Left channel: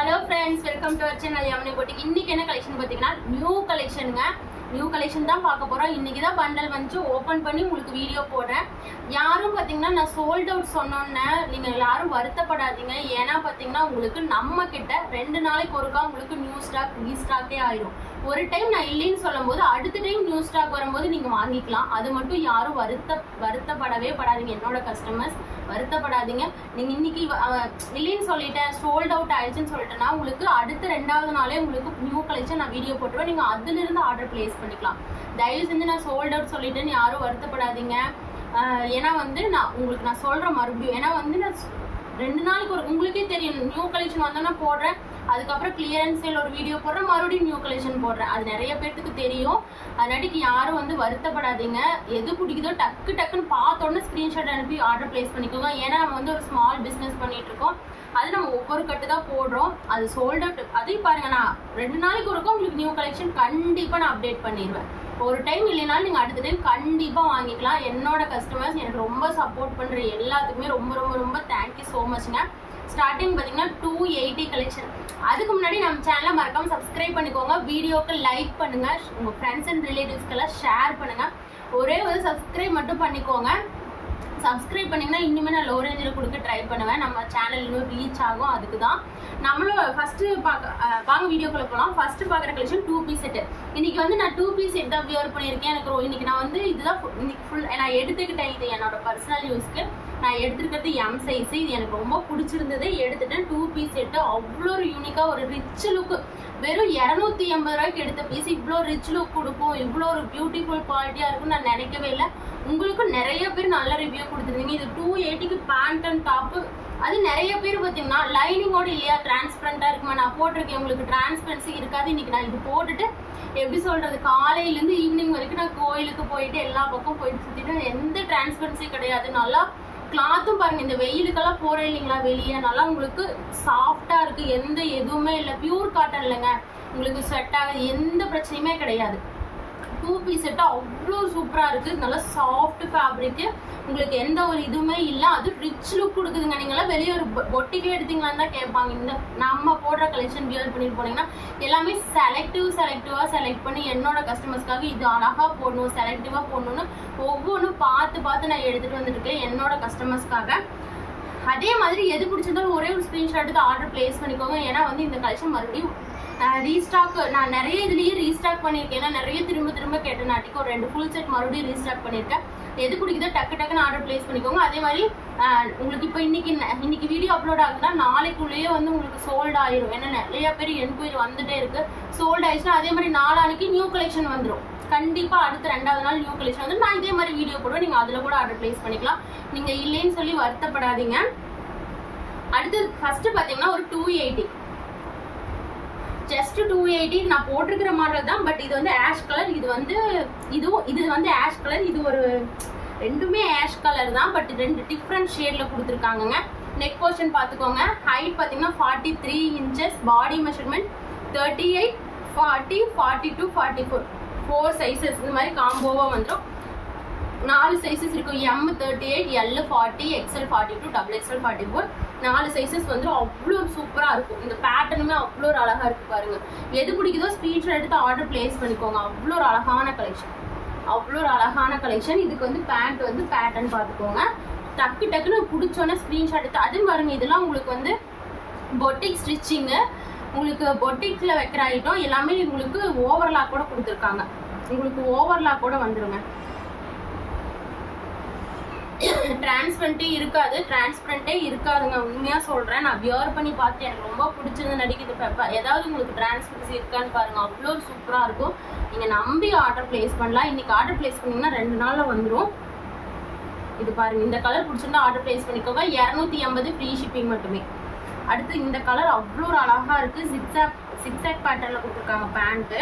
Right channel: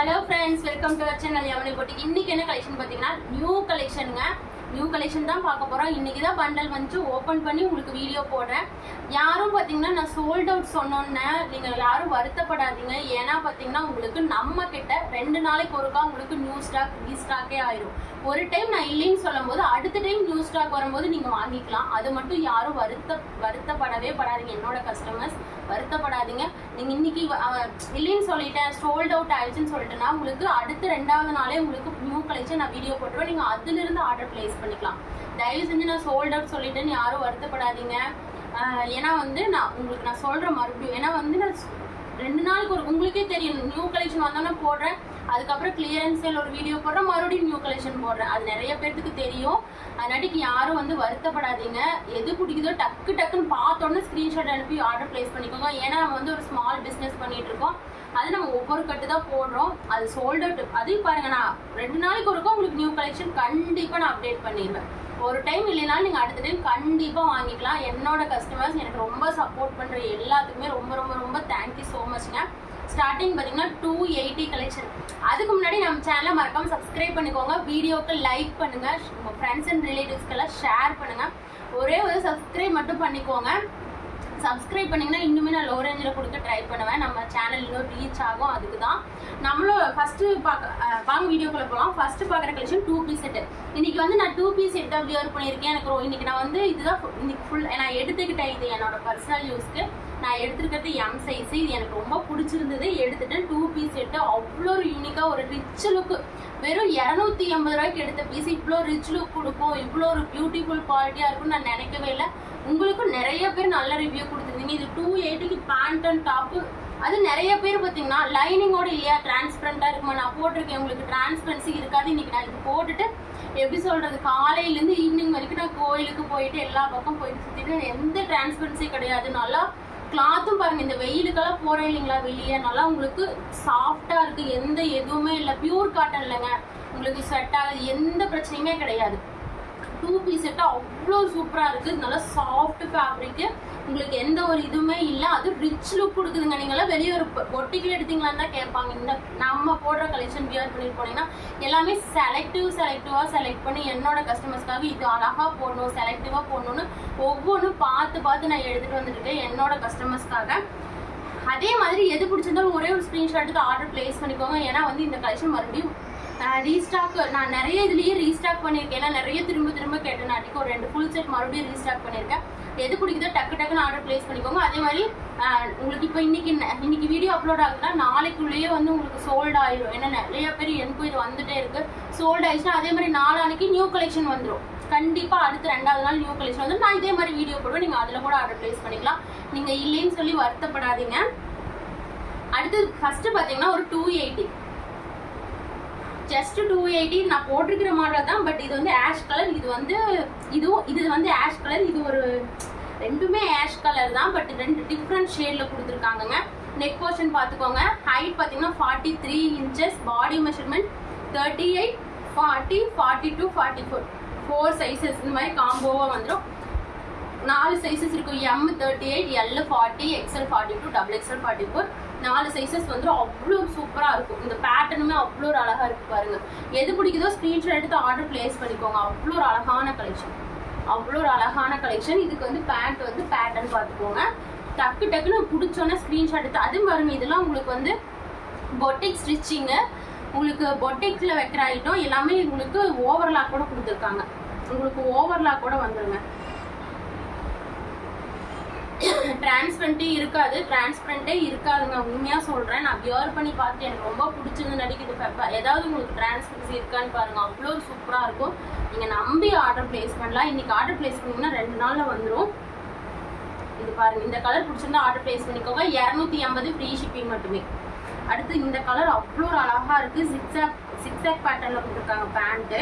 Hello friends, welcome to our channel Yamani Boutique. இன்னைக்கு என்ன collection பாத்தீங்கன்னா நியூ கலெக்ஷனுங்க. நியூ கலெக்ஷன் தான் பார்க்க போறோம். இன்னைக்கு தான் பண்டல் வந்து ஓபன் பண்ணி உங்களுக்கு வீடியோ போடுறேன். யாரும் பாத்தீங்கன்னா நான் சோல்ட் அவுட் சொன்னோன்னே நீங்க யாரும் வருத்தப்படாதீங்க. ஏன்னா பாத்தீங்கன்னா உங்களுக்கு நம்ம கிட்ட 2 நாளைக்கு ஒருக்கா உங்களுக்கு நியூ ஸ்டாக் ரீஸ்டாக்கே ஆயிரும். ஒரு டைம் நான் இல்லைன்னு சொல்லும் போது அடுத்த டைம் நியூ ஸ்டாக் வரும்போது நீங்க வாங்கிக்கலாம். அது மட்டும் யாரும் வருத்தப்படவே படாதீங்க. என்னோட கஸ்டமர்ஸ் வருத்தப்படாதீங்க. நீங்க இன்னைக்கு இல்லைன்னு சொல்லிட்டேன் சோல்ட் அவுட் ஆயிடுச்சுன்னு சொல்லிட்டேன்னா உங்களுக்கு அடுத்த 2வது நாளே உங்களுக்கு நியூ கலெக்ஷன் நான் வீடியோ போட்டுருவேன். நீங்க அதுல இருந்து ஆர்டர் பிளேஸ் பண்ணிக்கலாம். தயவு செஞ்சு நான் சோல்ட் அவுட் சொல்லிட்டேன்னு யாரும் வருத்தப்படாதீங்க. ஏன்னா வந்து நான் சொல்றேன் மறுபடியும். ஏன்னா வந்து நான் 2 நாளைக்கு உங்களுக்கே தெரியும் நியூ கலெக்ஷன் வந்தோன்னா போடுறேன். அதுக்கப்புறம் கிளியரன்ஸ் சேல் ஒரு வீடியோ போடுறேன், மறுபடியும் நியூ கலெக்ஷன் போடுறேன். அது நிறைய பேருக்கு தெரியும். அதனாட்டிக்கு யாரும் வந்து வருத்தப்படாதீங்க. எது பிடிக்குதோ டக்குன்னு பார்த்தோன்னே ஸ்க்ரீன்ஷாட் அனுப்பி ஆர்டர் பிளேஸ் பண்ணிக்கோங்க. ஏன்னா நம்ம வந்து ஒரு ஸ்மால் பிஸ்னஸ் பண்ணிட்டு இருக்கோம். அது நம்ம ஒவ்வொரு கட்டு தான் போடுறோம். அது சோல்ட் அவுட். அதையும் பாருங்க, நான் 2 நாளைக்கு ஒருக்கும் உங்களுக்கு நியூ கலெக்ஷன் கண்டிப்பாக நான் அப்டேட் பண்ணிடுவேன். ஒரு டைம் இல்லைனாலும் நீங்கள் அடுத்த டைம் கண்டிப்பாக வாங்கிக்கலாம். என்னோட கஸ்டமர்ஸ் எனக்கு ரொம்ப சப்போர்ட் பண்ணுற எல்லாத்துக்குமே ரொம்ப ரொம்ப ரொம்ப தேங்க்யூ ஸோ மச்ங்க. ஸ்டார்டிங் பார்த்தீங்கன்னா 280 கலெக்ஷன். அதுக்கு முன்னாடி நம்ம சேனலை மறக்காம சப்ஸ்கிரைப் பண்ணிக்கோங்க. வீடியோக்கு லைக் பண்ணுங்க, உங்கள் ஃப்ரெண்ட்ஸ் அண்ட் ரிலேட்டிவ்ஸ்க்கெல்லாம் ஷேர் பண்ணுங்க. ஒரே ஒரு சப்ஸ்கிரைப் மட்டும் பண்ணிக்கோங்க. சப்ஸ்கிரைப் பண்ணிங்கன்னா இன்னுமே நான் லோ ரேஞ்சில் கொடுக்க ட்ரை பண்ணுவேன். நம்ம சேனல் இன்னும் ரீச் ஆகும். அதுக்கு தான் நம்மளும் ஃபஸ்ட்டு வாங்க வீடியோக்குள்ளே போகலாம். ஃபஸ்ட்டு பார்க்குற கலெக்ஷன் 2 பீஸ் செட்டு. இன்றைக்கி வந்து நான் 2 பீஸ் செட் தான் வியர் பண்ணியிருக்கேன். எனக்கு இன்றைக்கி நான் வந்து இதுதான் இன்னைக்கு ஃபுல் நான் எடுத்துக்கிட்டேன். இது என்னோட பர்சனல் யூஸ்க்கு நான் எடுத்துருக்கிறது எம் சைஸு. இது எனக்கு ரொம்ப பிடிச்சிருந்தது, எடுத்துட்டேன். 2 பீஸ் செட்டு அவ்வளோ ஒரு யூனிக்காக ஒரு ரிச் லுக்கு. வெறும் 280 ரூபாய்க்கு எடுத்த பீஸ் இவ்வளோ ரிச் லுக் கொடுக்கும், இவ்வளோ ஒரு பியூட்டிஃபுல் குவாலிட்டியாக இருக்கும்னு நான் நினைக்கவே இல்லை. உங்களுக்கு நிறைய பேர் நல்ல ரிவ்யூ கொடுத்துருந்தீங்க. இது 280க்கு பேண்ட் அண்ட் டாப்பு. அது நிறைய பேர் பார்த்தீங்கன்னா லைனிங்கோட இல்லையா டிரான்ஸ்பரண்டாக இருக்குமா நான் போட்டிருக்கேன். உங்களுக்கு டிரான்ஸ்பரன்சி இருக்காது. இன்னைக்கு நான் இது போட்டுட்டு எப்படி சொல்றது, காலையிலேருந்து ஈவினிங் வரைக்கும் நான் கோயிலுக்கு போயிட்டு எல்லா பக்கம் போயிட்டு சுற்றிட்டு எந்த டிரான்ஸ்பரன்சி கிடையாது. நல்லா கிளாத்தும் பாருங்க, இந்த வெயிலுக்கெல்லாம் போறேன் இல்லைங்களா வெளியே, நல்லா உங்களுக்கு சாஃப்டா இருக்கு. எதுவுமே இல்லை, பியூர் காட்டன் இல்லைங்க. உங்களுக்கு செட் ஆகுது, எந்த பிரச்சனையுமே கிடையாது. 2 பீஸ் செட்டு அவ்வளோ சூப்பராக இருக்குது. நல்லா சாஃப்ட் ஃபேப்ரிக்கு, உங்களுக்கு எந்த ஒரு இதுவுமே இல்லை. அது ரிச் லுக் கொடுக்குதுங்க. நீங்களாம் வெளியே ஒரு பொட்டிக்கில் எடுத்தீங்களான்னு தான் கேட்பாங்க. இந்த நம்ம போடுற கலெக்ஷன் வியர் பண்ணிட்டு போனீங்கன்னா எல்லாமே செலக்டிவாக செலக்ட் பண்ணி என்னோட கஸ்டமர்ஸ்க்காக இது அழகாக போடணும், செலக்டிவாக போடணும்னு ஒவ்வொன்றும் பார்த்து நான் எடுத்துகிட்டு வந்துருக்கேன் என்னோட கஸ்டமர்ஸ்க்காக. அதே மாதிரி எது பிடிச்சிருந்தாலும் ஒரே ஒரு ஸ்க்ரீன்ஷாட் எடுத்து ஆர்டர் பிளேஸ் பண்ணிக்கோங்க. ஏன்னா வந்து இந்த கலெக்ஷன் மறுபடியும் ரீஸ்டாக் நான் நிறைய இதுலேயே ரீஸ்டாக் பண்ணியிருக்கேன். ஏன்னா நிறைய திரும்ப கேட்டனாட்டிக்கு ஒரு 2 ஃபுல் செட் மறுபடியும் ரீஸ்டாக் பண்ணியிருக்கேன். எது பிடிக்குதோ டக்குன்னு ஆர்டர் பிளேஸ் பண்ணிக்கோங்க. அதே மாதிரி உங்களுக்கு இப்போ இன்னைக்கு வீடியோ அப்லோட் ஆகுதுன்னா நாளைக்குள்ளேயே வந்து உங்களுக்கு சோல்ட் ஆயிரும். ஏன்னா நிறைய பேர் என்கொயரி வந்துட்டே இருக்கு. சோல்ட் ஆயிடுச்சுன்னா அதே மாதிரி நாளானிக்கு நியூ கலெக்ஷன் வந்துடும். கண்டிப்பாக அடுத்த 2வது நாள் நியூ கலெக்ஷன் வந்து நான் இதே மாதிரி வீடியோ போடுவேன். நீங்கள் அதில் கூட ஆர்டர் பிளேஸ் பண்ணிக்கலாம். நீங்கள் இல்லைன்னு சொல்லி வருத்தப்படாதீங்க. அடுத்து ஃபர்ஸ்ட் பார்த்தீங்கன்னா ஒரு 280, ஜஸ்ட் 280 நான் போட்டிருக்கிற மாடல் தான். பட் இது வந்து ஆஷ் கலர், இது வந்து ஆஷ் கலர். இது ஒரு ரெண்டுமே ஆஷ் கலர் தான், பட் 2 டிஃப்ரெண்ட் ஷேடில் கொடுத்துருக்காங்கங்க. நெக் போர்ஷன் பார்த்துக்கோங்க. ஹைட் பார்த்தீங்கன்னா 43 இன்ச்சஸ், பாடி மெஷர்மெண்ட் 38, 40, 42, 44 4 சைஸஸ் இந்த மாதிரி காம்போவாக வந்துடும். 4 சைஸஸ் இருக்கும். M 38, L 40, XL 42, XXL 44 4 sizes வந்துடும். அவ்வளோ சூப்பராக இருக்கும். இந்த பேட்டர்னுமே அவ்வளோ ஒரு அழகாக இருக்குது பாருங்க. எது பிடிக்குதோ ஸ்க்ரீன்ஷாட் எடுத்து ஆர்டர் பிளேஸ் பண்ணிக்கோங்க. அவ்வளோ ஒரு அழகான கலெக்ஷன். இதுக்கு வந்து பேண்ட் வந்து பேட்டர்ன் பார்த்துக்கோங்க. டக்குன்னு பிடிச்சோன்னே ஸ்க்ரீன்ஷாட் எடுத்து அதுவும் பாருங்க. இதெல்லாம் உங்களுக்கு வந்து பொட்டிக் ஸ்டிச்சிங்கு, உங்களுக்கு பொட்டிக்கில் வைக்கிற ஐட்டம் எல்லாமே உங்களுக்கு ஓவர்லாக் கூட கொடுத்துருக்காங்க. உங்களுக்கு ஓவர்லாக் கூட வந்துருங்க. டிரான்ஸ்பரண்டே இருக்காதுங்க. உண்மையாக சொல்கிறேன். நான் வியர் பண்ணி பார்த்து எனக்கு ரொம்ப பிடிச்சிருந்து நடிக்குது. ஏதாவது உங்களுக்கு டிரான்ஸ்பரன்சி இருக்கான்னு பாருங்கள். அவ்வளோ சூப்பராக இருக்கும். நீங்கள் நம்பி ஆர்டர் பிளேஸ் பண்ணலாம். இன்றைக்கி ஆர்டர் பிளேஸ் பண்ணிங்கன்னா 2 நாளில் வந்துடும். இது பாருங்கள், இந்த கலர் பிடிச்சிருந்தா ஆர்டர் பிளேஸ் பண்ணிக்கோங்க. 280 ஃப்ரீ ஷிப்பிங் மட்டுமே. அடுத்து இந்த கலர் அவ்வளோ ஒரு அழகாக இருக்குது. சிக்ஸாக் பேட்டர்னில் கொடுத்துருக்காங்க பேண்ட்டு.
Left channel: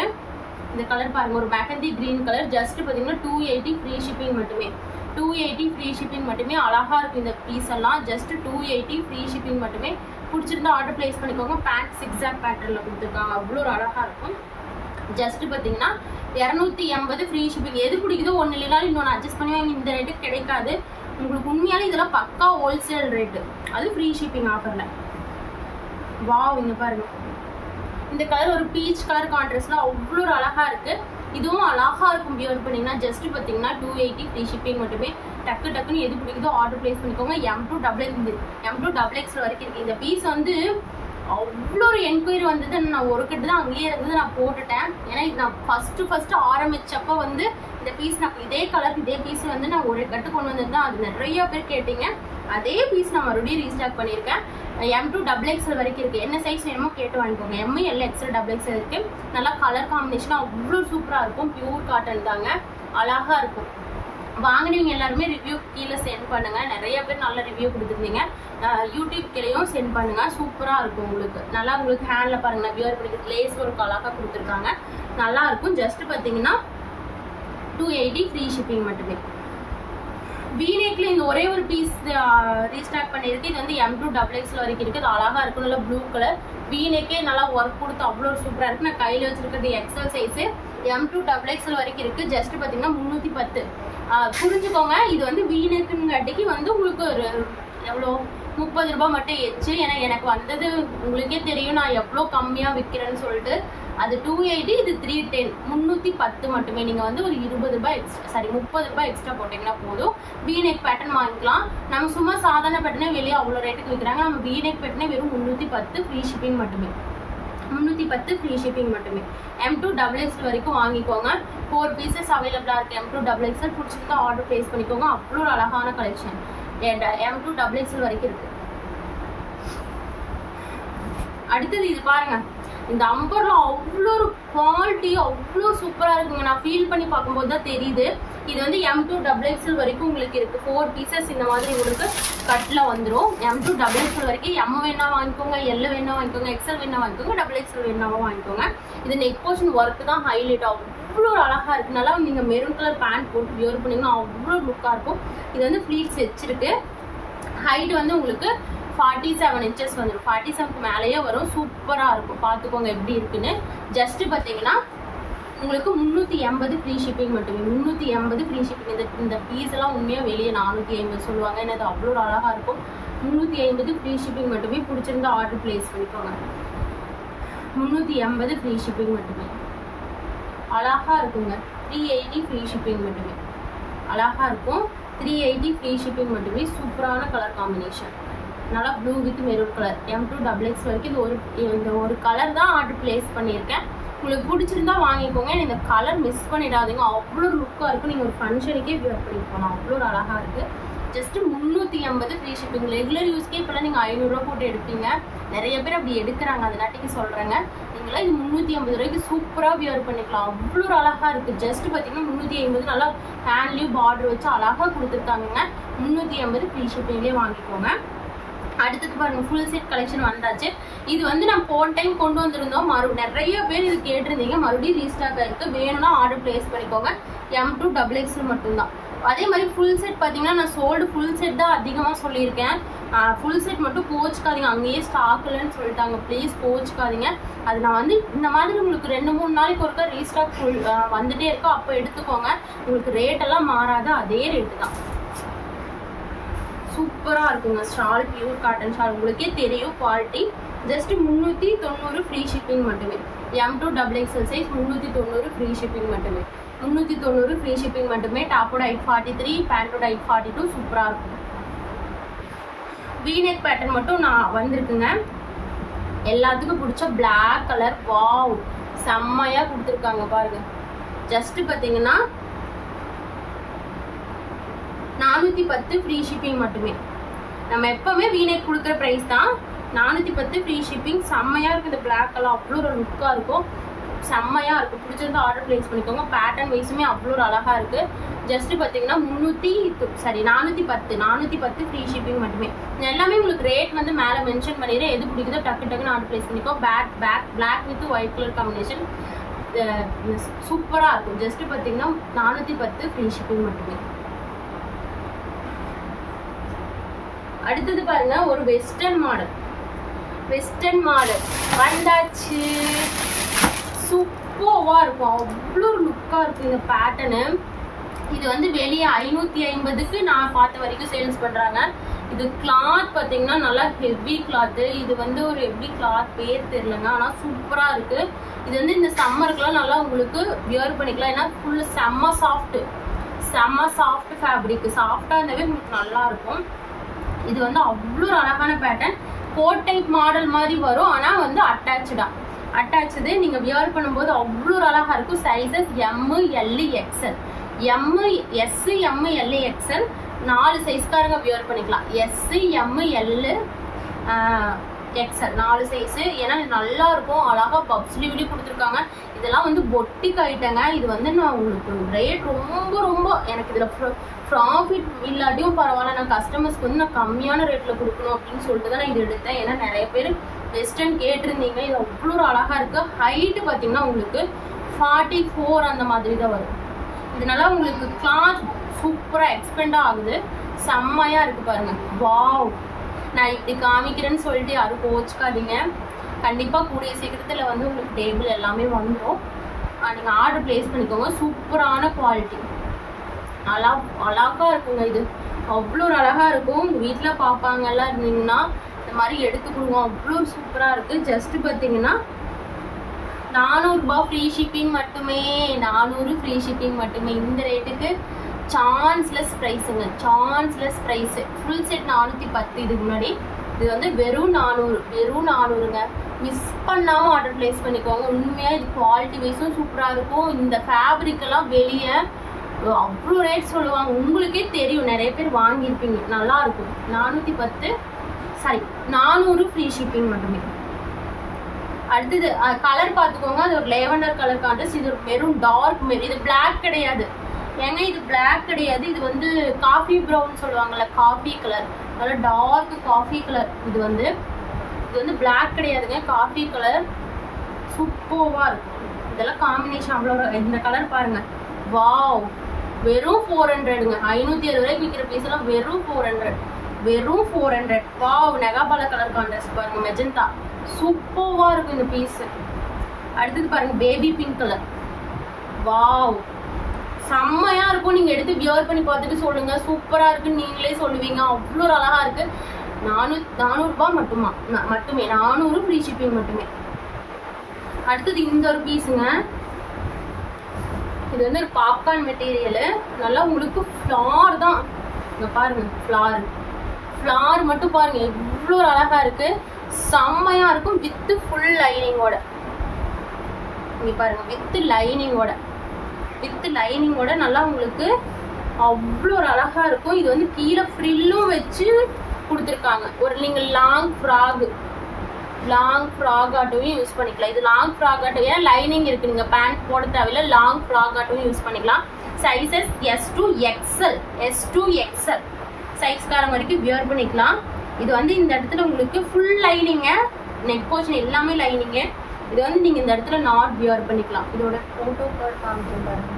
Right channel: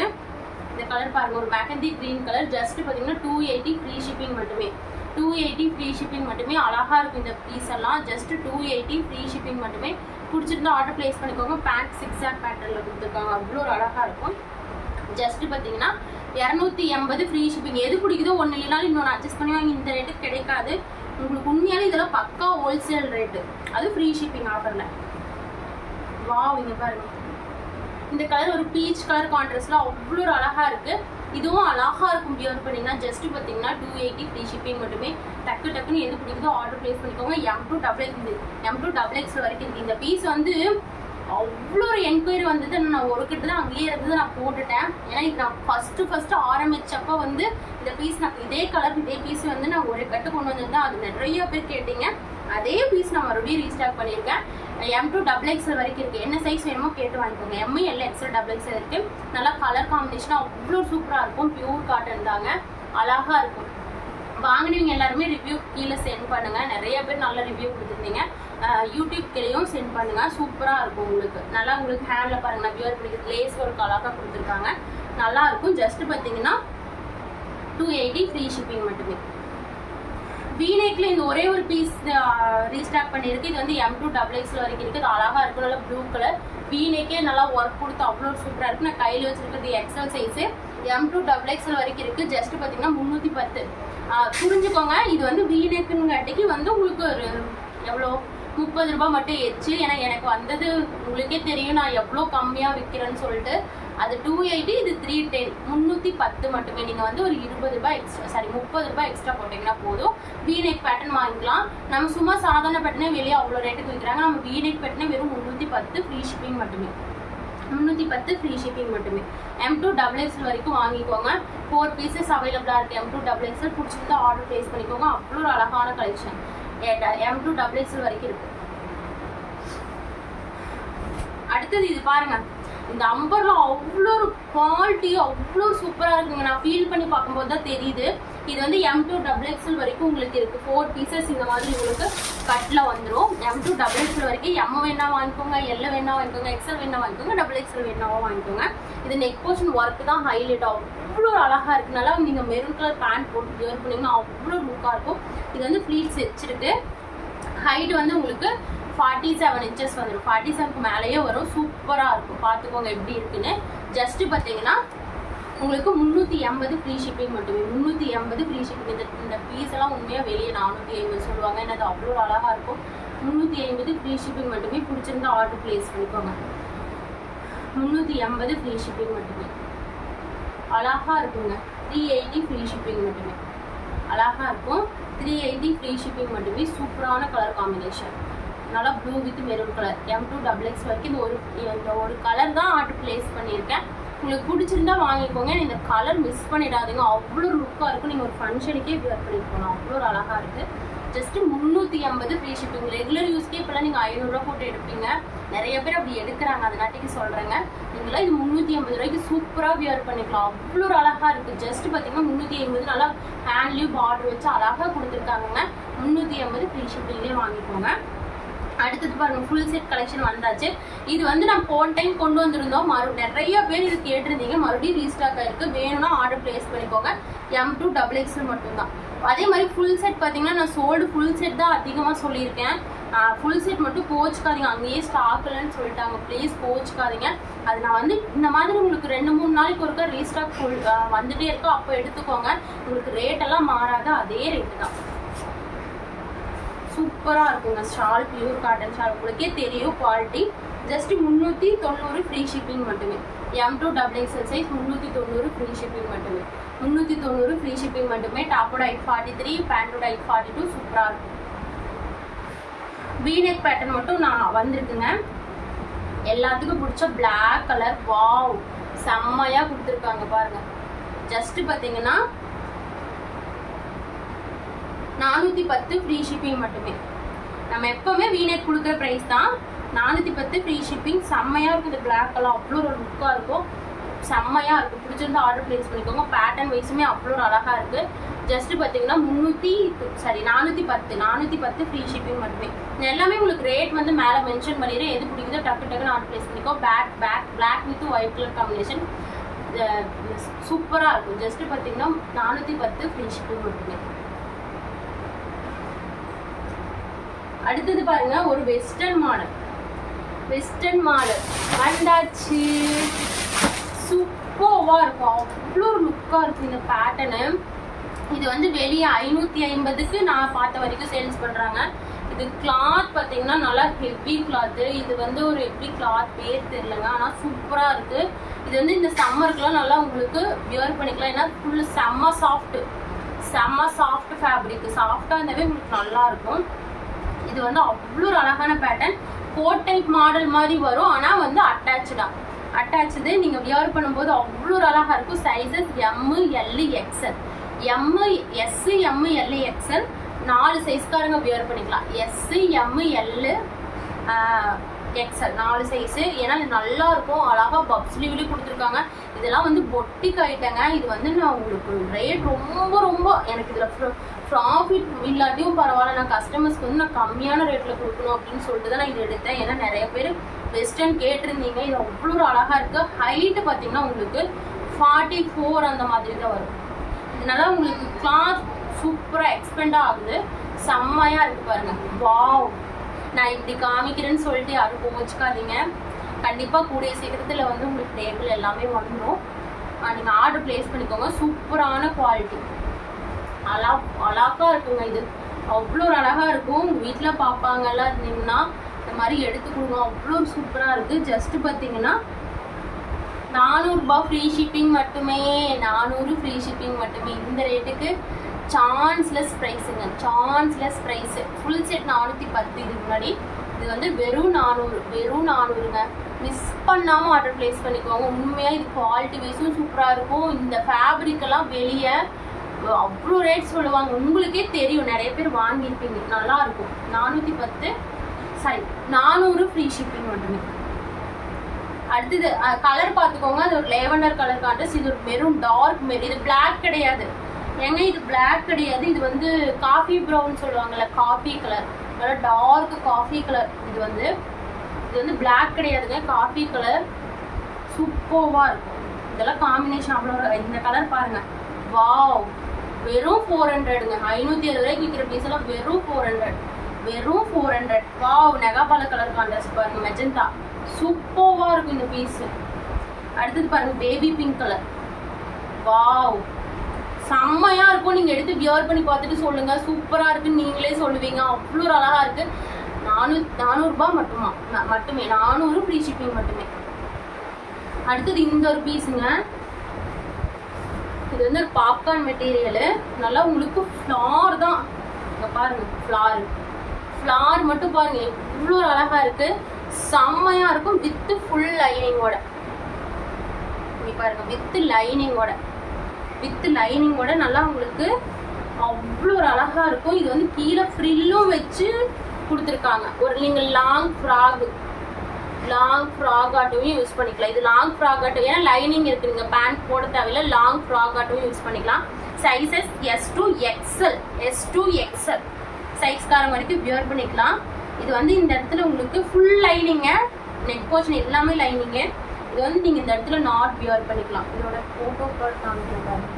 இந்த கலர் பாருங்கள், ஒரு மெஹந்தி க்ரீன் கலர். ஜஸ்ட் பார்த்தீங்கன்னா 280 ஃப்ரீ ஷிப்பிங் மட்டுமே. 280 ஃப்ரீ ஷிப்பிங் மட்டுமே. அழகாக இருக்குது இந்த பீஸ் எல்லாம். ஜஸ்ட் 280 ஃப்ரீ ஷிப்பிங் மட்டுமே. பிடிச்சிருந்தா ஆர்டர் பிளேஸ் பண்ணிக்கோங்க. பேண்ட் சிக்ஸாக் பேட்டர்னில் கொடுத்துருக்காங்க. அவ்வளோ ஒரு அழகாக இருக்கும். ஜஸ்ட் பார்த்தீங்கன்னா 280 ஃப்ரீ ஷிப்பிங். எது பிடிக்குதோ ஒன்று இல்லைனாலும் இன்னொன்று அட்ஜஸ்ட் பண்ணி வாங்கி. இந்த ரேட்டுக்கு கிடைக்காது உங்களுக்கு. உண்மையாலே இதெல்லாம் பக்கா ஹோல்சேல் ரேட்டு. அது ஃப்ரீ ஷிப்பிங் ஆஃபரில். வாவ், இங்க பாருங்க இந்த கலர் ஒரு பீச் கலர் கான்ட்ராஸ்ட்ல அவ்வளோ அழகா இருக்கு. இதுவும் அழகா இருக்கும் வியர் பண்ணீங்கன்னா. ஜஸ்ட் பார்த்தீங்கன்னா 280 ஃப்ரீ ஷிப்பிங் மட்டுமே. டக்குன்னு எது பிடிக்குதோ ஆர்டர் பிளேஸ் பண்ணிக்கோங்க. M2XX வரைக்கும் இருக்கு. இந்த பீஸ் வந்து அவ்வளோ ஒரு என்கொயரி வந்தது. நான் ஒரு கட்டு தான் அங்கேயே இருந்தது, நான் போட்டுட்டேன். ஏன்னா இது நான் ஃபர்ஸ்ட் ஆரம்பிச்சப்போ வந்து இந்த பீஸ் நான் இதே கலர் இதே பீஸ் வந்து நான் ஒரு கட்டு கொண்டு வந்திருந்தேன். அது நிறைய பேர் கேட்டீங்க. அதே பீஸ் நான் மறுபடியும் ரீஸ்டாக் பண்ணியிருக்கேன். M2XXL வரைக்கும் இருக்குது. என்ன சைஸ் வேணுமோ கேட்டு வாங்கிக்கோங்க. ML XL XXL இருக்குது. நல்லா கலர் காம்பினேஷனாக அவ்வளோ சூப்பராக இருக்கும். பியூர் காட்டன் தாங்க, அழகாக இருக்கும். வாங்கினவங்க எல்லாருமே ரிவ்யூ கீழே சென்ட் பண்ணுங்க. நிறைய பேர் நல்ல ரிவ்யூ கொடுத்துருந்தீங்க. யூடியூப் கீழேயும் சென்ட் பண்ணுங்க. சூப்பராக இருக்கும் உங்களுக்கு. நல்லா உங்களுக்கு ஹேண்டில் பாருங்க, நான் வியர் பண்ணிக்கிறது லேஸ் ஒர்க் அழகாக கொடுத்துருக்காங்க, நல்லா இருக்கும். ஜஸ்ட் பார்த்தீங்கன்னா 280 ஃப்ரீ ஷிப்பிங் மட்டுமே. வீநெக்ல இந்த ஒரே ஒரு பீஸ் ரீஸ்டாக் பண்ணியிருக்கு. இது வந்து M2XXL வரைக்கும் இருக்குது. அது அழகாக இருக்கும். நல்லா ப்ளூ கலர் வீநெக்கே நல்லா ஒர்க் கொடுத்து அவ்வளோ சூப்பராக இருக்குது. நான் கையில் வச்சுருக்கிறது எக்ஸல் சைஸு. M2XXL வரைக்கும் இருக்குது. ஜஸ்ட் பார்த்தீங்கன்னா 310. புரிஞ்சுக்கோங்க, இது வந்து வீநெக்குங்காட்டிக்கு வந்து உங்களுக்கு ஒரு எவ்வளோ 30 ரூபாய் மட்டும் எச்சு. ஏன்னா எனக்கு வந்தது உங்களுக்கே தெரியும் நான் எவ்வளோ கம்மியாக விற்கிறேன்னு சொல்லிட்டு. அது 280, இது 310, 310 மட்டுமே. நீங்கள் வந்து ஒரு 20 ரூபாய் எக்ஸ்ட்ரா 30 ரூபாய் எக்ஸ்ட்ரா போட்டிங்கன்னா போதும். வீநெக் பேட்டர்ன் வாங்கிக்கலாம். நம்ம சும்மா சாதாரண பேட்டர்னே வெளியே அவ்வளோ ரேட்டுக்கு விற்கிறாங்க. நம்ம வீநெக் பேட்டர்னே வெறும் 310 ஃப்ரீ ஷிப்பிங் மட்டுமே. 310 ஃப்ரீ ஷிப்பிங் மட்டுமே. M2XXL வரைக்கும் வாங்கிக்கோங்க. 4 பீசஸ் அவைலபிளாக இருக்குது. M2XXL பிடிச்சிருந்தா ஆர்டர் ப்ளேஸ் பண்ணிக்கோங்க. அவ்வளோ ஒரு அழகான கலெக்ஷன் M2XXL வரைக்கும் இருக்குது. அடுத்தது இது பாருங்க, இந்த அம்பர்ல அவ்வளோ ஒரு குவாலிட்டி அவ்வளோ சூப்பராக இருக்குங்க. நான் ஃபீல் பண்ணி பார்க்கும்போது தான் தெரியுது. இது வந்து M2XXL வரைக்கும் உங்களுக்கு இருக்குது. 4 பீசஸ் இந்த மாதிரி உங்களுக்கு கட்டில் வந்துடும். M2XXL வரைக்கும் M வேணா வாங்கிக்கோங்க, L வேணா வாங்கிக்கோங்க, XL வேணா வாங்கிக்கோங்க, XXL வேணாவும் வாங்கிக்கோங்க. இது நெக் போர்ஷன் ஒர்க்கு தான் ஹைலைட் ஆகும். அவ்வளோ அழகாக இருக்குது. நல்லா நீங்கள் மெரூன் கலர் பேண்ட் போட்டு வியர் பண்ணிங்கன்னா அவ்வளோ லுக்காக இருக்கும். இது வந்து ஃப்ளீட்ஸ் வச்சிருக்கு. ஹைட் வந்து உங்களுக்கு 47 இன்ச்சஸ் வந்துடும். 47க்கு மேலேயே வரும். சூப்பராக இருக்கும். பார்த்துக்கோங்க எப்படி இருக்குன்னு. ஜஸ்ட்டு பார்த்தீங்கன்னா உங்களுக்கு 380 ஃப்ரீ ஷிப்பிங் மட்டுமே. 380 ஃப்ரீ ஷிப்பிங். இந்த பீஸ் எல்லாம் உண்மையாக வெளியே 450 சொல்லுவாங்க. ஏன்னா அது அவ்வளோ அழகாக இருக்கும். 350 ஃப்ரீ ஷிப்பிங் மட்டுமே. பிடிச்சிருந்தா ஆர்டர் பிளேஸ் பண்ணிக்கோங்க. 380 ஃப்ரீ ஷிப்பிங் மட்டுமே. அழகாக இருக்குங்க. 380 ஃப்ரீ ஷிப்பிங் மட்டுமே. அழகாக இருக்கும். 380 ஃப்ரீ ஷிப்பிங் மட்டுமே. சூப்பரான கலர் காம்பினேஷன். நல்லா blue with maroon colour. M2XX வரைக்கும் இந்த ஒரு கலர் தான் ஆர்டர் பிளேஸ் பண்ணியிருக்கேன். உங்களுக்கு பிடிச்சிருந்தா வாங்கிக்கோங்க. இந்த கலர் மிஸ் பண்ணிடாதீங்க. அவ்வளோ லுக்காக இருக்கும். நீங்கள் ஒரு ஃபங்க்ஷனுக்கே வியர் பண்ணிட்டு போகலாம். அவ்வளோ ஒரு அழகாக இருக்குது. Just 380 free shipping. ரெகுலர் யூஸ்க்கே இப்போலாம் நீங்கள் 500 ரூபா போட்டு எடுப்பீங்க. நிறைய பேர் அப்படி எடுக்கிறாங்க, அதனாட்டிக்கு சொல்கிறேங்க. நீங்களாம் இது 380 ரூபாய்க்கு சூப்பராக வியர் பண்ணிக்கலாம். அவ்வளோ ஒரு அழகாக இருக்குது. ஜஸ்ட்டு பார்த்தீங்கன்னா 380 நல்லா ஹேண்ட்லேயும் பார்டர் வச்சு அழகாக கொடுத்துருக்காங்க. 380 ஃப்ரீ ஷிப்பிங்லேயே வாங்கிக்கோங்க. அடுத்தது பாருங்க, ஃபுல் செட் கலெக்ஷன் வந்தாச்சு. இது வந்து நான் போன டைம் கொண்டு வந்திருந்தோம். நிறைய பேர் இது கேட்டிருந்தீங்க. மறுபடியும் ரீஸ்டாக் ஆயிருக்கு. வேணும்னா ஆர்டர் பிளேஸ் பண்ணிக்கோங்க. M2XXL மட்டும்தான். அதே மாதிரி ஃபுல் செட் பார்த்தீங்கன்னா நான் சோல்டு ஃபுல் செட் தான் அதிகமாக சொல்லியிருக்கேன். ஃபுல் செட் மட்டும் கோச்சுக்காதீங்க. அங்கேயே ஸ்டாக் இல்லைன்னு சொல்லிட்டாங்க. ப்ளீஸ் கோச்சுக்காதீங்க. அது நான் வந்து இந்த மாதிரி உங்களுக்கு 2-3 நாளைக்கு ஒருக்கா ரீஸ்டாக் ஃபுல் வந்துட்டே இருக்கோ, அப்போ எடுத்துக்கோங்க. உங்களுக்கு ரேட்டெல்லாம் மாறாது, அதே ரேட்டு தான். சூப்பராக இருக்குங்க. ஷால் பியூர் காட்டன் ஷால், உங்களுக்கே தெரியும் குவாலிட்டி. ஜஸ்ட் 390 ஃப்ரீ ஷிப்பிங் மட்டுமே. M2XXL சைஸ் 390 ஃப்ரீ ஷிப்பிங் மட்டுமே. 390 ஃப்ரீ ஷிப்பிங் மட்டுமே. டாப்போட ஹைட் 43, பேண்டோட ஹைட் 42. சூப்பராக இருக்கும். வீநெக் பேட்டர்ன் மட்டும் நான் வந்திருக்குங்க. எல்லாத்துக்கும் பிடிச்ச பிளாக் கலர். வாவ், செம்மையாக கொடுத்துருக்காங்க பாருங்க. ஜஸ்ட் பார்த்தீங்கன்னா 410 ஃப்ரீ ஷிப்பிங் மட்டுமே. நம்ம எப்போவுமே வீநெக் கொடுக்குற ப்ரைஸ் தான். 410 ஃப்ரீ ஷிப்பிங். செம்மையாக இருக்குது. இந்த பிளாக் கலர் அவ்வளோ ஒரு லுக்காக இருக்கும். செம்மையாக இருக்குது. பிடிச்சிருந்தா ஆர்டர் ப்ளேஸ் பண்ணிக்கோங்க. பேட்டர்ன் வைஸுமே அவ்வளோ ஒரு அழகாக இருக்குது. ஜஸ்ட்டு பார்த்தீங்கன்னா 410 ஃப்ரீ ஷிப்பிங் மட்டுமே. எல்லாமே உங்களுக்கு ரேட் வந்து மேலே மென்ஷன் பண்ணிடுறேன். எது பிடிக்குதோ டக்குன்னு ஆர்டர் ப்ளேஸ் பண்ணிக்கோ. Black with white colour combination சூப்பராக இருக்கும். ஜஸ்ட்டு பார்த்தீங்கன்னா 410 ஃப்ரீ ஷிப்பிங் மட்டுமே. அடுத்தது பாருங்க, ஒரு வெஸ்டர்ன் மாடல் வந்தாச்சு. சூப்பராக இருக்கும். அவ்வளோ லுக்காக இருக்கும் இந்த பேட்டர்னு. இது வந்து வெளியே 550க்கு நான் பார்த்த வரைக்கும் சேல்ஸ் பண்ணுறாங்க. இது கிளாத் பார்த்தீங்கன்னா நல்லா ஹெவி கிளாத்து. இது வந்து ஒரு எப்படி கிளாத் பேர் தெரியலங்க, ஆனால் சூப்பராக இருக்குது. இது வந்து இந்த சம்மருக்குலாம் நல்லா உங்களுக்கு வியர் பண்ணிக்கலாம். ஏன்னா ஃபுல்லு செம்ம சாஃப்ட் ஃபேப்ரிக். சாஃப்டாக இருந்தாவே உங்களுக்கு நல்லா இருக்கும். இது வந்து அவ்வளோ ஒரு அழகான பேட்டர்ன். கோட் டைப் மாடல் மாதிரி வரும், ஆனால் வந்து அட்டாச்சு நீங்கள் வியர் பண்ணும்போது அவ்வளோ ஒரு அழகாக இருக்கும். Sizes M, L, XL. M, S, M, L, XL 4 சைஸ்காரங்க வியர் பண்ணிக்கலாம். S, M, L, XL 4 size. ஏன்னா இது நல்லா இருக்கும், அழகாக பப் ஸ்லீவ்லேயும் கொடுத்துருக்காங்க. இதெல்லாம் வந்து பொட்டிக் ஐட்டங்க. இது வந்து நான் உங்களுக்கு ரேட் ரொம்ப எனக்கு இதில் ப்ராஃபிட் இல்லாட்டியும் பரவாயில்ல, நான் கஸ்டமர்ஸ்க்கு வந்து நான் கம்மியான ரேட்டில் கொடுக்கணும் அப்படின்னு சொல்லிட்டு தான் நான் இது எடுத்தேன். ஏன்னா நிறைய பேர் வெஸ்டர்ன் கேட்டிருந்தீங்க. இது அவ்வளோ ஒரு அழகாக இருக்குது. ஹைட்டு பார்த்தீங்கன்னா உங்களுக்கு 44 அந்த மாதிரி தான் வரும். இதனால உங்களுக்கு கிளாத் சூப்பராக எக்ஸ்பெண்டாக ஆகுது. செம்மையாக இருக்குது பாருங்கள். வாவ், நான் இப்படி காமிக்கிறேன்னு சொல்லிட்டு யாரும் கோச்சிக்காதீங்க. கண்டிப்பாக கூடிய சீக்கிரத்தில் வந்து உங்களுக்கு டேபிள் எல்லாமே வந்துடும். நீங்கள் ஆர்டர் ப்ளேஸ் பண்ணிக்கோங்க. சூப்பரான குவாலிட்டி, அழகாக இருக்குங்க. இது அவ்வளோ ஒரு அழகாக இருக்கும். உங்கள் வீட்டில் பார்ப்பாங்கலாம் இருந்தீங்கன்னா இந்த மாதிரி எடுத்து கொடுங்க. அவ்வளோ சூப்பராக இருக்குது. ஜஸ்ட்டு பார்த்தீங்கன்னா 400 ரூபாய் ஃப்ரீ ஷிப்பிங் மட்டுமே. 400 ஃப்ரீ ஷிப்பிங் மட்டுமே. இந்த ரேட்டுக்கு சான்ஸ்லெஸ் ப்ரைஸுங்க, சான்ஸ்லெஸ் ப்ரைஸு. Full set 410. இதுக்கு முன்னாடி இது வந்து வெறும் 400ங்க. மிஸ் பண்ணாமல் ஆர்டர் ப்ளேஸ் பண்ணிக்கோங்க. உண்மையாக இது குவாலிட்டி வைஸும் சூப்பராக இருக்கும். இந்த ஃபேப்ரிக்கெல்லாம் வெளியே அவ்வளோ ரேட் சொல்லுவாங்க, உங்களுக்கே தெரியும், நிறைய பேர் வாங்கியிருப்பீங்க. நல்லாயிருக்கும். 400 ஃப்ரீ ஷிப்பிங் மட்டுமே. அடுத்தது கலர் பார்த்துக்கோங்க. அது ஒரு லேவண்டர் கலர் கான்ட்ராஸ்ட். இது ஒரு மெரூன், டார்க் மெரூன். இது பிளாக் கிடையாது ஏங்க, இது பிளாக் கிடையாது. இது வந்து காஃபி ப்ரௌன் சொல்லுவாங்கள்ல, காஃபி கலர், நல்லா டார்க் காஃபி கலர். இது வந்து பிளாக் கிடையாதுங்க, காஃபி கலர். சூப்பராக இருக்கும். இதெல்லாம் காம்பினேஷன் அவ்வளோ. இந்த கலர் பாருங்கள். வாவ், வெறும் 400ங்க. 560 ரூபாய்க்கு விற்கிற பீஸ் எல்லாம் வெறும் 400. வாவ், நெகாபால கலர் கான்ட்ராஸ்ட் பாருங்கள், மெஜந்தா. சூப்பராக இருக்கும் இந்த பீஸு. அடுத்தது பாருங்கள், பேபி பிங்க் கலர். வாவ், செம்மையாக இருக்கும். நீங்கள் எடுத்து வியர் பண்ணி பார்த்துட்டு சொல்லுங்கள், சூப்பராக இருக்குன்னு நீங்களே சொல்லுவீங்க. அவ்வளோ ஒரு அழகாக இருக்குது. 400 ரூபாய் மட்டுமே. 400 ஃப்ரீ ஷிப்பிங் மட்டுமே. அடுத்தது இந்த ஒரு பீஸுங்க. இது வந்து ஒரு பாப்கார்ன் மெட்டீரியலு. நல்லா உங்களுக்கு ஃப்ளார் தான். இங்கே பாருங்கள், ஃப்ளார் மட்டும் பாருங்கள் எவ்வளோ ஒரு அழகாக இருக்குது. செம்மையாக இருக்கும். With full லைனிங்கோட. இங்கே பாருங்கள், வித் லைனிங்கோட நல்லா உங்களுக்கு அவ்வளோ ஒரு அழகாக இருக்கும். இது வந்து கீழே ஃப்ரில்லும் வச்சு கொடுத்துருக்காங்க. ஒரு நீங்கள் லாங் ஃப்ராக் ஆட்டோவும் யூஸ் பண்ணிக்கலாம். இது லாங் ஃப்ராக் ஆட்டோ, ஏன்னா லைனிங் இருக்குது, நீங்கள் பேண்ட் போட தேவையில்லை. லாங் ஃப்ராக் ஆட்டோவும் யூஸ் பண்ணிக்கலாம். சைஸஸ் S to XL சைஸ்காரங்க வரைக்கும் வியர் பண்ணிக்கலாம். இது வந்து இந்த இடத்துல உங்களுக்கு ஃபுல் லைனிங்க, நெக் போர்ஷன் எல்லாமே லைனிங்கு. இது வந்து நீங்கள் இந்த இடத்துல நாட் வியர் பண்ணிக்கலாம். இதோட ஃபோட்டோ கார்டு காமிக்கிறேன் பாருங்க.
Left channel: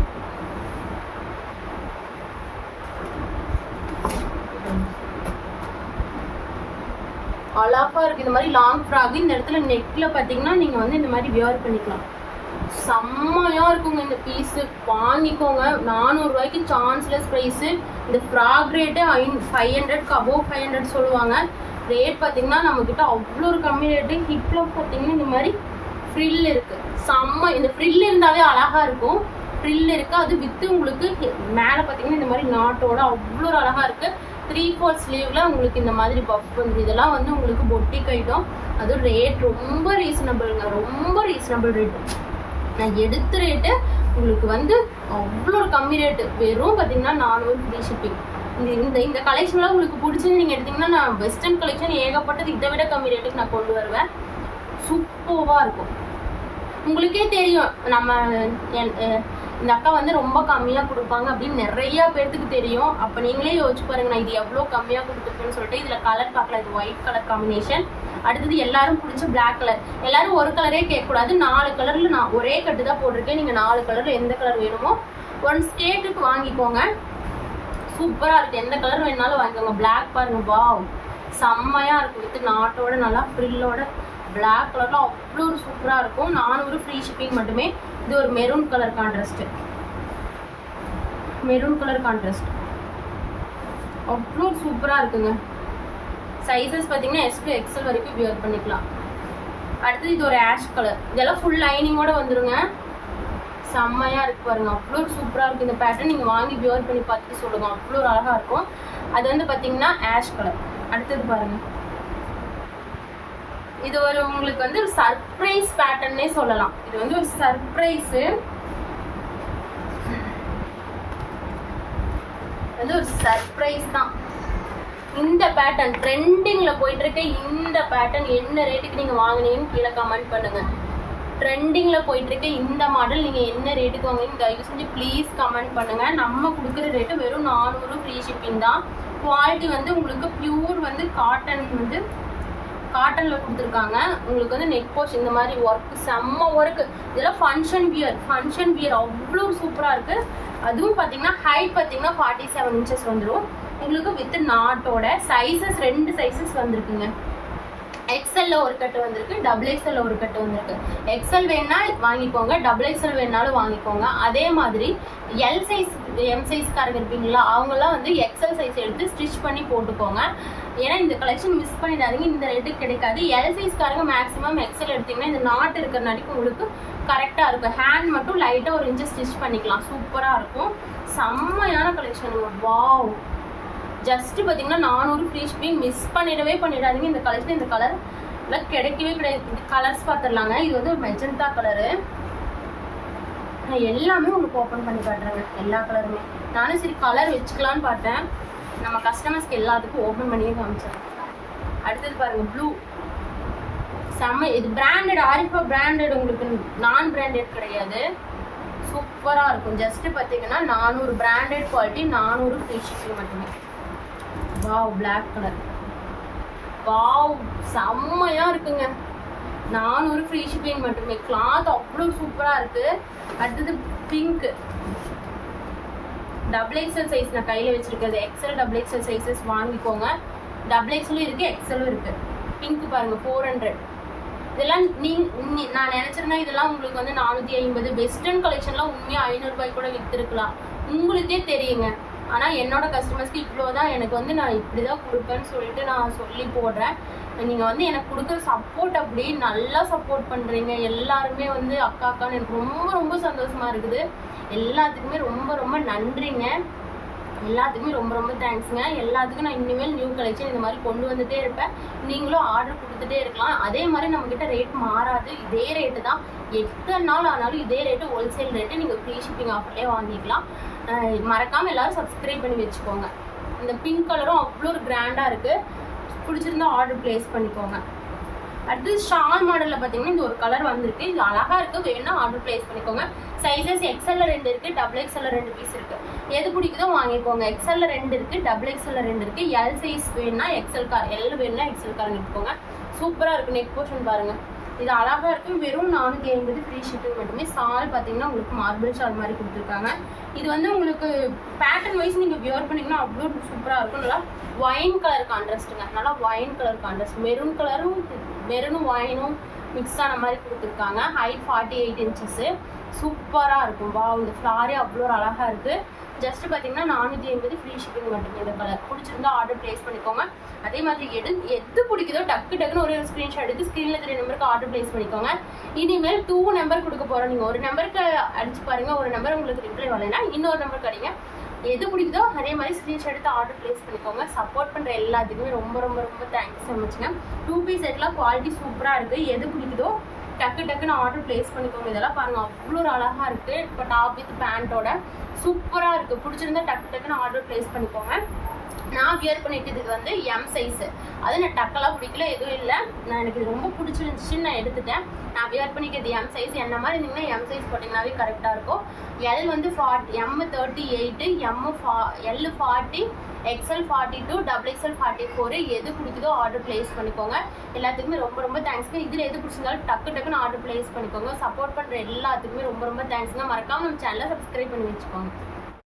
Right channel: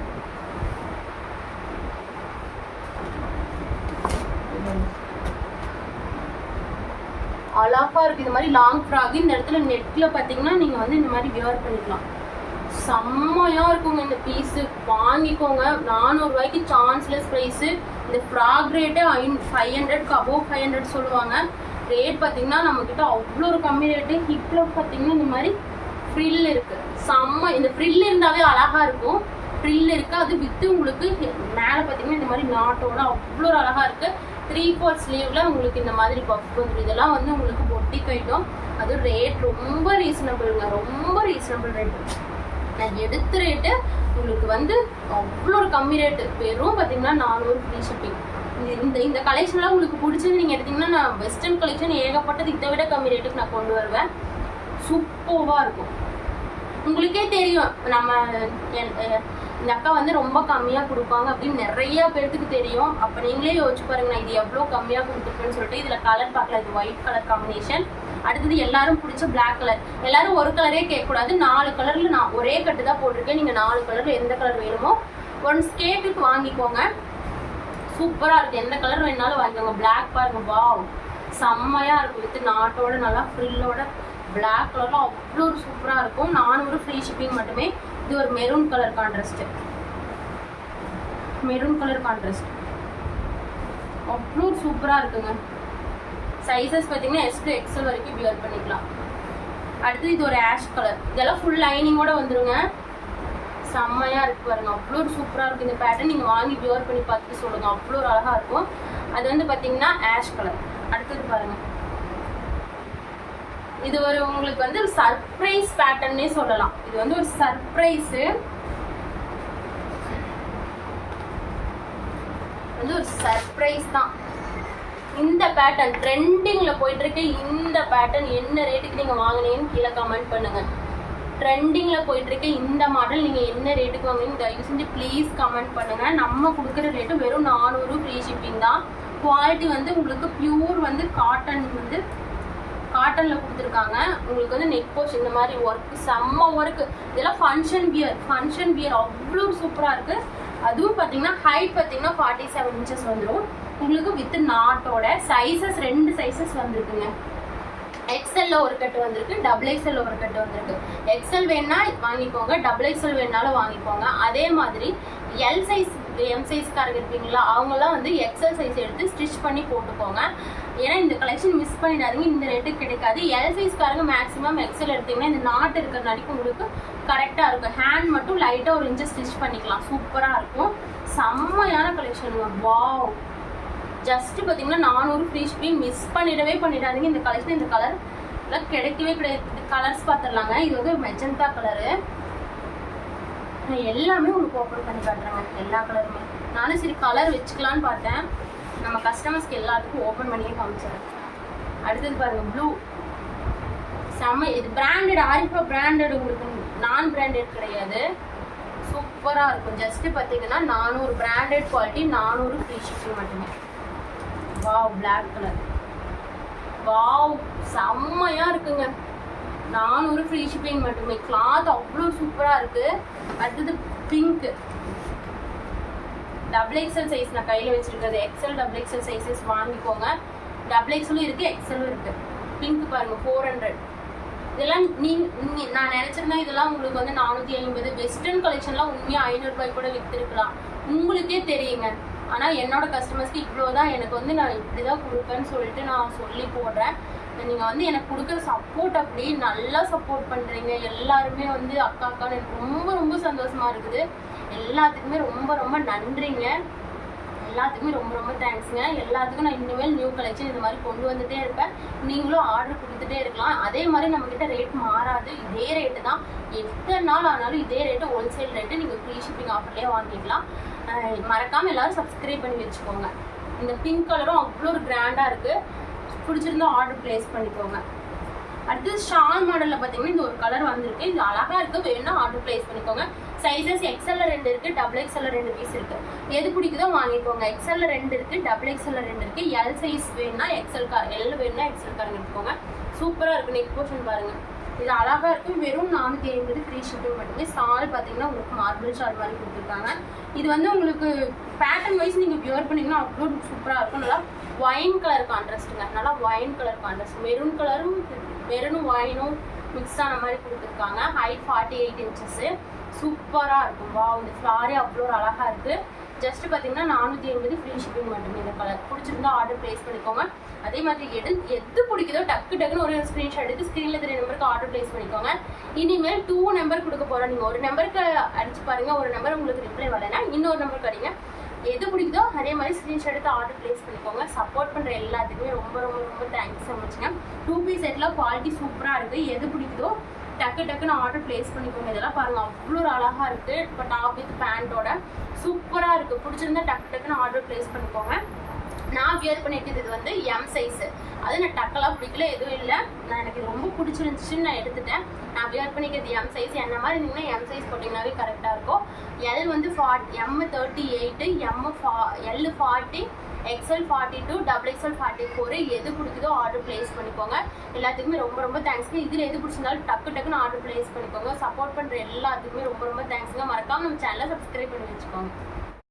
அழகாக இருக்குது. இந்த மாதிரி லாங் ஃப்ராக் இந்த இடத்துல நெட்டில் பார்த்தீங்கன்னா நீங்கள் வந்து இந்த மாதிரி வியர் பண்ணிக்கலாம். செம்மையாக இருக்குங்க இந்த பீஸு. வாங்கிக்கோங்க. 400 ரூபாய்க்கு சான்ஸ்லெஸ் ப்ரைஸு. இந்த ஃப்ராக் ரேட்டு 500க்கு அபோவ் 500 சொல்லுவாங்க. ரேட் பார்த்தீங்கன்னா நம்மக்கிட்ட அவ்வளோ ஒரு கம்மி ரேட்டு. ஹிப்பில் பார்த்தீங்கன்னா இந்த மாதிரி ஃப்ரில் இருக்குது. இந்த ஃப்ரில் இருந்தாவே அழகாக இருக்கும். ஃப்ரில் இருக்குது. அது வித்து உங்களுக்கு மேலே பார்த்தீங்கன்னா இந்த மாதிரி நாட்டோட அவ்வளோ ஒரு அழகாக இருக்குது. 3/4 ஸ்லீவில் உங்களுக்கு இந்த மாதிரி பஃப் வந்துடும். இதெல்லாம் வந்து உங்களுக்கு பொட்டிக் ஐட்டம். அது ரேட் ரொம்ப ரீசனபிளுங்க, ரொம்ப ரீசனபிள் ரேட்டு. நான் எடுத்த ரேட்டு உங்களுக்கு வந்து அவ்வளோ ஒரு கம்மி ரேட்டு. வெறும் பார்த்தீங்கன்னா 400 ஃப்ரீ ஷிப்பிங். இந்த கலெக்ஷன்லாம் உங்களுக்கு பிடிச்சது நீங்கள் எடுத்திங்கன்னா, நான் வெஸ்டர்ன் கலெக்ஷன் ஏகப்பட்டது இதை விட கம்மி ரேட்டுக்கு நான் கொண்டு வருவேன். சூப்பராக இருக்கும். உங்களுக்கே தெரியும், நம்ம இந்த அக்கா வந்து ரொம்ப கம்மியாக கொடுப்பாங்க அப்படின்னு நிறையா பேர்த்துக்கு தெரியும். அப்போ நீங்களே யோசிச்சு பாருங்க, நான் இது எவ்வளோ கம்மியாக கொடுத்துருப்பேன்னு சொல்லிட்டு. இதில் கலர் பார்க்கலாம். இது ஒயிட் கலர் காம்பினேஷன். அடுத்தது எல்லாரும் பிடிச்ச பிளாக் கலர். எல்லாரும் ஒரு கலரே கேட்கக்கூடாது. 4 கலரில் நான் ஒரே கட்டு தான் போட்டிருக்கேன். நீங்கள் 4 கலரில் எந்த கலர் வேணுமோ ஒன் ஸ்கேட்டுக்கு வாங்கிக்கோங்க. சூப்பராக இருக்குது. எந்த கலர் வேணாலும் வாங்கிக்கோங்க. பிளாக் பாருங்கள், வாவ், செம்மையாக இருக்கும். வித் நாட்டோட நல்லா ஃப்ரில்லோட பிளாக் கலரில் அவ்வளோ ஒரு சூப்பராக இருக்கும். 400 ஃப்ரீ ஷிப்பிங் மட்டுமே. இது ஒரு மெரூன் கலர் கான்ட்ராஸ்ட். அவ்வளோ சூப்பராக இருக்குங்க. சைஸஸ் பார்த்தீங்கன்னா S to XL வரைக்கும் வியர் பண்ணிக்கலாம். அடுத்து இது ஒரு ஆஷ் கலர், இதெல்லாம் ஃபுல் லைனிங்கோட வந்துருங்க. செம்மையாக இருக்கு பாருங்க, அவ்வளோ சூப்பராக இருக்கும் இந்த பேட்டர்ன். நீங்கள் வாங்கி வியர் பண்ணி பார்த்துட்டு சொல்லுங்க, அவ்வளோ அழகாக இருக்கும். அது வந்து பார்த்தீங்கன்னா ஆஷ் கலர். அடுத்தது பாருங்க, இது ஒரு உங்களுக்கு வந்து ஒரு சர்ப்ரைஸ் பேட்டர்னே சொல்லலாம். இது வந்து ஒரு சர்ப்ரைஸு, வந்து ஒரு சர்ப்ரைஸ் தான். இந்த பேட்டர்ன் ட்ரெண்டிங்ல போயிட்டு இருக்க இந்த பேட்டர்ன் என்ன ரேட்டுக்கு நீங்க வாங்குனீங்கன்னு கீழே கமெண்ட் பண்ணுங்க. ட்ரெண்டிங்ல போயிட்டு இருக்க இந்த மாடல் நீங்க என்ன ரேட்டுக்கு வாங்குனீங்க தயவு செஞ்சு ப்ளீஸ் கமெண்ட் பண்ணுங்க. நம்ம கொடுக்குற ரேட்டு வெறும் 400 ஃப்ரீ ஷிப்பிங் தான். குவாலிட்டி வந்து உங்களுக்கு பியூர் வந்து காட்டன், வந்து காட்டன்ல கொடுத்துருக்காங்க. உங்களுக்கு வந்து நெக் போஷ் இந்த மாதிரி ஒர்க், செம்ம ஒர்க். இதெல்லாம் ஃபங்க்ஷன் வியர் அவ்வளோ சூப்பரா இருக்கு. அதுவும் பார்த்தீங்கன்னா ஹைட் பார்த்தீங்கன்னா 47 inches வந்துடும் உங்களுக்கு வித் நாட்டோட. சைஸஸ் 2 சைஸஸ் வந்திருக்குங்க. எக்ஸ்எல்ல ஒரு கட்டு வந்திருக்கு, XXL ஒரு கட்டு வந்திருக்கு. எக்ஸ்எல் வேணா வாங்கிக்கோங்க, XXL வேணாலும் வாங்கிக்கோங்க. அதே மாதிரி எல் சைஸ் எம் சைஸ்காரங்க இருப்பீங்களா, அவங்களாம் வந்து எக்ஸ்எல் சைஸ் எடுத்து ஸ்டிச் பண்ணி போட்டுக்கோங்க. ஏன்னா இந்த கலெக்ஷன் மிஸ் பண்ணிடாதீங்க, இந்த ரேட்டுக்கு கிடைக்காது. எல் சைஸ்காரங்க மேக்ஸிமம் எக்ஸ்எல் எடுத்தீங்கன்னா இந்த நாட்டு இருக்கிறனாடிக்கு உங்களுக்கு கரெக்டாக இருக்கும். ஹேண்ட் மட்டும் லைட்டாக ஒரு இன்ச்சு ஸ்டிச் பண்ணிக்கலாம், சூப்பராக இருக்கும். செம்மையான கலெக்ஷனுங்க, வாவ். ஜஸ்ட் பார்த்தீங்கன்னா 400 ஃப்ரீ ஷிப்பிங். மிஸ் பண்ணிடாதீங்க இந்த கலெக்ஷன். இந்த கலர் எல்லாம் கிடைக்கவே கிடையாது. கலர்ஸ் பார்த்துடலாங்க. இது வந்து ஒரு மெஜந்தா கலரு. நான் எல்லாமே உங்களுக்கு ஓப்பன் பண்ணி காட்டுறேங்க, எல்லா கலருமே. நானும் சரி கலர் வச்சுக்கலான்னு பார்த்தேன், நம்ம கஸ்டமர்ஸ்க்கு எல்லாத்துக்கும் ஓப்பன் பண்ணியே காமிச்சிடறேன். அடுத்தது பாருங்க, ப்ளூ. செம்ம, இது பிராண்டட், ஆரிஃபா பிராண்டட், உங்களுக்கு நான் பிராண்டட் கிடையாது. சூப்பராக இருக்கும். ஜஸ்ட் பார்த்தீங்கன்னா 400 பிராண்டட் குவாலிட்டி, 400 ஃப்ரீ ஷிப்பிங் மட்டுமே. வாவ், பிளாக் கலர், வாவ், செம்மையா இருக்குங்க. 400 ஃப்ரீ ஷிப்பிங் மட்டுமே. கிளாத் அவ்வளோ சூப்பரா இருக்கு. அடுத்தது பிங்க், XXL சைஸ் நான் கையில வச்சிருக்கிறது. XL XXL சைஸஸ் வாங்கிக்கோங்க. XXL இருக்கு, XL இருக்கு. பிங்க் பாருங்க, 400. இதெல்லாம் நான் நினைச்சிருந்தா இதெல்லாம் உங்களுக்கு வந்து 450. வெஸ்டர்ன் கலெக்ஷன்லாம் உண்மையா 500 ரூபாய் கூட வித்துருக்கலாம், உங்களுக்கே தெரியுங்க. ஆனால் என்னோட கஸ்டமர்ஸ்க்கு இவ்வளோதான், எனக்கு வந்து நான் இப்படி தான் கொடுப்பேன்னு சொல்லிட்டு நான் சொல்லி போடுறேன். நீங்கள் வந்து எனக்கு கொடுக்குற சப்போர்ட் அப்படி நல்லா சப்போர்ட் பண்ணுறீங்க எல்லாருமே. வந்து அக்கான்னு எனக்கு ரொம்ப ரொம்ப சந்தோஷமாக இருக்குது. எல்லாத்துக்குமே ரொம்ப ரொம்ப நன்றிங்க. எல்லாத்துக்குமே ரொம்ப ரொம்ப தேங்க்ஸுங்க. எல்லாத்துக்கும் நான் இனிமேல் நியூ கலெக்ஷன் இந்த மாதிரி கொண்டு வந்துட்டே இருப்பேன். நீங்களும் ஆர்டர் கொடுத்துட்டே இருக்கலாம். அதே மாதிரி நம்மக்கிட்ட ரேட் மாறாது, இதே ரேட்டு தான். 8 நாள் ஆனாலும் இதே ரேட்டு, ஹோல்சேல் ரேட்டு. நீங்கள் ஃப்ரீ ஷிப்பிங் ஆஃபர்லேயே வாங்கிக்கலாம். மறக்காமல் எல்லோரும் சப்ஸ்கிரைப் பண்ணி வச்சுக்கோங்க. இந்த பிங்க் கலரும் அவ்வளோ ஒரு கிராண்டாக இருக்குது. பிடிச்சிருந்தா ஆர்டர் ப்ளேஸ் பண்ணிக்கோங்க. அடுத்து ஷால் மாடலில் பார்த்தீங்கன்னா இந்த ஒரு கலர் வந்திருக்கு, இது அழகாக இருக்குது. வேணும்னா ஆர்டர் ப்ளேஸ் பண்ணிக்கோங்க. சைஸஸ் XL 2 இருக்குது, XXL 2 பீஸ் இருக்குது. எது பிடிக்குதோ வாங்கிக்கோங்க. XL 2 இருக்குது, XXL 2 இருக்குது. எல் சைஸ் வேணும்னா எல் வேணும்னா XL காரங்க எடுத்துக்கோங்க. சூப்பராக இருக்குது. நெக் போர்ஷன் பாருங்கள், இது அழகாக இருக்கும். வெறும் 450 ஃப்ரீ ஷிப்பிங் மட்டுமே. ஷால் பார்த்தீங்கன்னா உங்களுக்கு மார்பிள் ஷால் மாதிரி கொடுத்துருக்காங்க. இது வந்து உங்களுக்கு பேட்டர்ன் வைஸ் நீங்கள் வியர் பண்ணிங்கன்னா அவ்வளோ சூப்பராக இருக்கும். நல்லா ஒயின் கலர் கான்ட்ராஸ்ட்டுங்க, நல்லா ஒயின் கலர் கான்ட்ராஸ்ட். மெரூன் கலரும் மெரூனும் ஒயினும் மிக்ஸ் ஆன மாதிரி கொடுத்துருக்காங்க. Height 48 inches. சூப்பராக இருக்கும். வா, இந்த ஃப்ளாரே அவ்வளோ அழகாக இருக்குது. ஜஸ்ட் பார்த்தீங்கன்னா 450 ஃப்ரீ ஷிப்பிங் மட்டுமே. இந்த கலர் பிடிச்சிருந்தா ஆர்டர் ப்ளேஸ் பண்ணிக்கோங்க. அதே மாதிரி எது பிடிக்குதோ டக்குன்னு ஒரு ஸ்க்ரீன்ஷாட் எடுத்து ஸ்க்ரீனில் தெரிய நம்பருக்கு ஆர்டர் ப்ளேஸ் பண்ணிக்கோங்க. இனிமேல் 2 நம்பர் கொடுக்க போகிறோம். நீங்கள் ஒரு நம்பருக்கு அடிச்சு பாருங்கள், ஒரு நம்பர் உங்களுக்கு ரிப்ளை வரலைன்னா இன்னொரு நம்பருக்கு அடிங்க. எது பிடிக்குதோ அதே மாதிரி ஸ்க்ரீன்ஷாட் எடுத்து ஆர்டர் ப்ளேஸ் பண்ணிக்கோங்க. சப்போர்ட் பண்ணுற எல்லாத்துக்குமே ரொம்ப ரொம்ப ரொம்ப தேங்க்ஸ் ஸோ மச்ங்க. 2 பீஸ் செட்லாம் குவாலிட்டி சூப்பராக இருக்குது. எது பிடிக்குதோ டக்குன்னு ஆர்டர் ப்ளேஸ் பண்ணிக்கோங்க. இதெல்லாம் பாருங்கள் அவ்வளோ அழகாக இருக்குது. இப்போ டாப் வித் பேண்ட்டோட சூப்பராக இருக்குது. பிடிச்சிருந்தா டக்குன்னு ஆர்டர் ப்ளேஸ் பண்ணிக்கோங்க. நான் வியர் பண்ணிட்டு இது வந்து எம் சைஸு. அது நான் டக்கெல்லாம் பிடிக்கல, எதுவும் இல்லை. எனக்கு இது ரொம்ப பிடிச்சிருந்துச்சின்னு நான் எடுத்துட்டேன். நான் வியர் பண்ணிக்கிறது எம் சைஸ். என்ன மாதிரி இருந்தீங்கன்னா எம் சைஸ் போட்டிங்கனாவே கரெக்டாக இருக்கும். எல் வந்து M 38, L 40, XL 42, XXL 44. எது பிடிக்குதோ ஆர்டர் ப்ளேஸ் பண்ணிக்கோங்க. எல்லாத்துக்குமே ரொம்ப ரொம்ப தேங்க்ஸுங்க. இதில் எது பிடிச்சிருந்தாலும் டக்குன்னு ஆர்டர் ப்ளேஸ் பண்ணிக்கோங்க. சப்போர்ட் பண்ணுற எல்லாத்துக்குமே ரொம்ப ரொம்ப தேங்க்ஸுங்க. மறக்காமல் நம்ம சேனலை சப்ஸ்கிரைப் பண்ணி வச்சுக்கோங்க.